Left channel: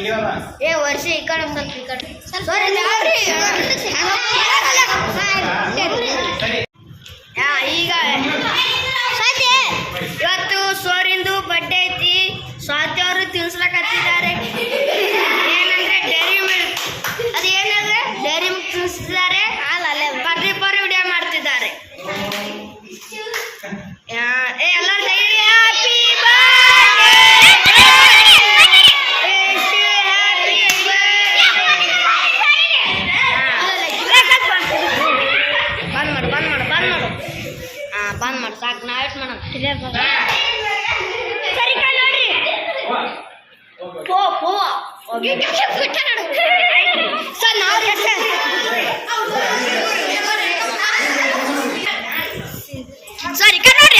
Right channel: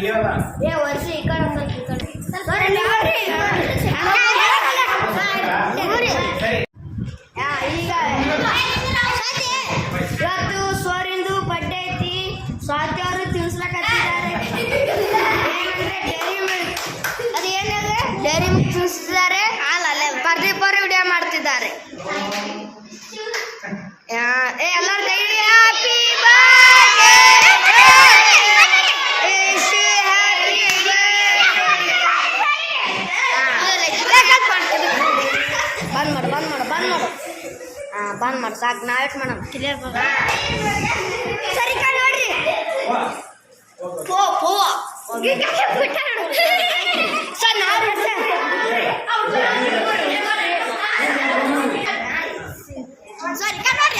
ಇಳಿಯೋಲ್ಲ ಏ ವರ್ಷ ಈ ಕಡೆ ಒಂದ್ ಸ್ವಲ್ಪ ಈ ಕಡೆ ಸರಿ ಬಂದ್ ಮಾಡಿ, ಸಾಕು. ನಾ ವೇಟ್ ಮಾಡೋಣ. ಸರಿ ಕಾ ನೋಡ್ರಿ. ಪೋ ಸರ್, ನಾವು ಸರಿ ಕಾ ನೋಡ್ರಿ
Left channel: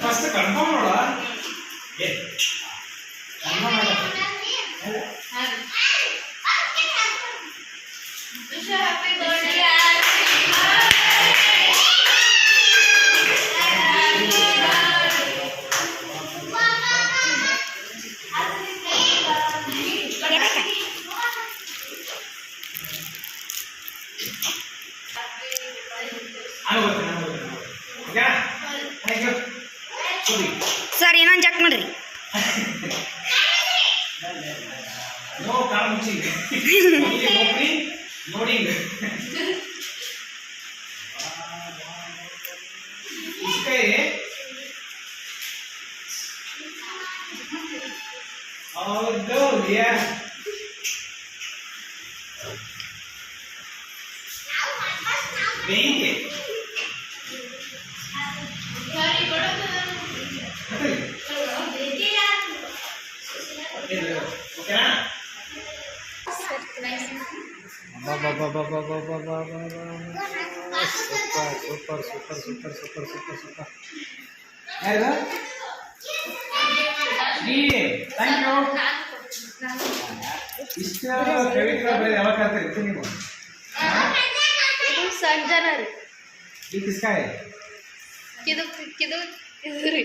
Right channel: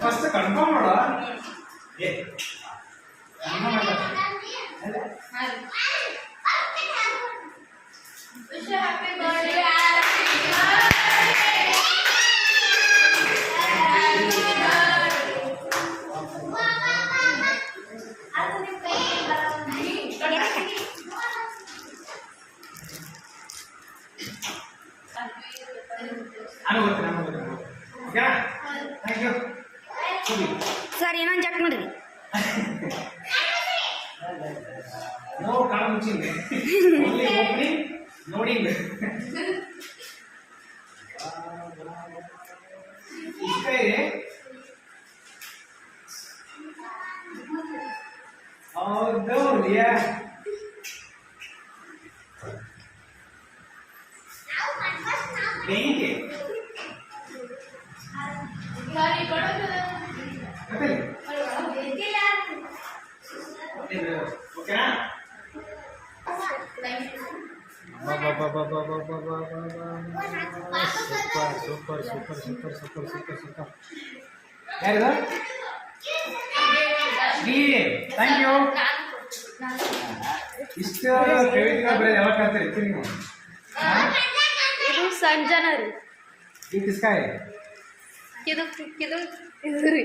pasti కన్ఫర్మ్ అవడా Yeah. ಸರ್ ಇನ್ನೊಂದು ಚೆಕ್ ಮಾಡ್ರಿ ನೋ ಕಾಳ ಮುಚ್ಚಿಂಗ್ opening Super super super super super super super ಯಾರು ಶ್ರೀ ಥ್ಯಾಂಕ್ ಯು ಇಷ್ಟು ಫೇವರಿಟ್ ಬರೀ ಯಾವಾಗ ಕಾಣ್ತಾರೆ ಇತ್ತು ನೀವು ಇದು ಸಂಜನರು ಈ ಕಿಸ್ಕಾಯ್ ಇದು ಇದು ಇದು ರೀ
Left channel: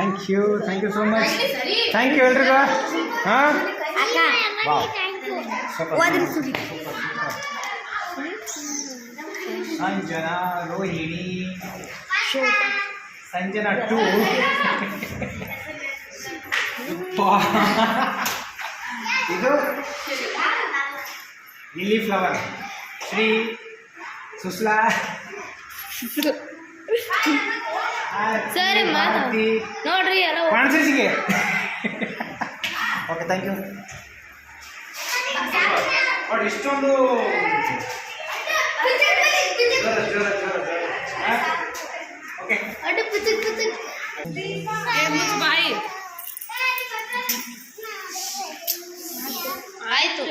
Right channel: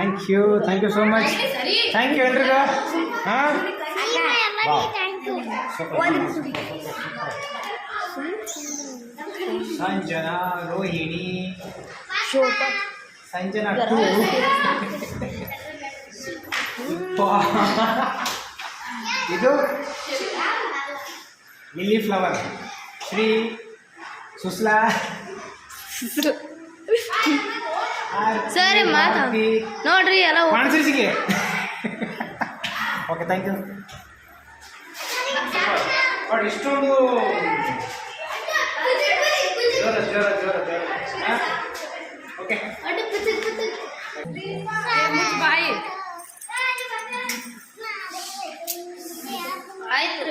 thank you thank you so much thank you ಎಲ್ರಿಗೂ ಹಾಂ ಸಂಜನಾ ರೋಹಿಣಿ ಸಂಜನಾ ಟೂ ಇದು? ಲಿಲ್ಲಿ ಫ್ಲವರ್ ಶ್ರೀ ಸುಸ್ಲಾ ಸರಿ ಮಾತಾ ನೋಡ್ರಿ ಎಲ್ಲ ಕಾಣಿಸಿಗೆ ಓಕೆ ಥ್ಯಾಂಕ್ ಯು ಇಷ್ಟೊಂದು ಓಕೆ. ಬಾಯಿ ಆಯ್ತು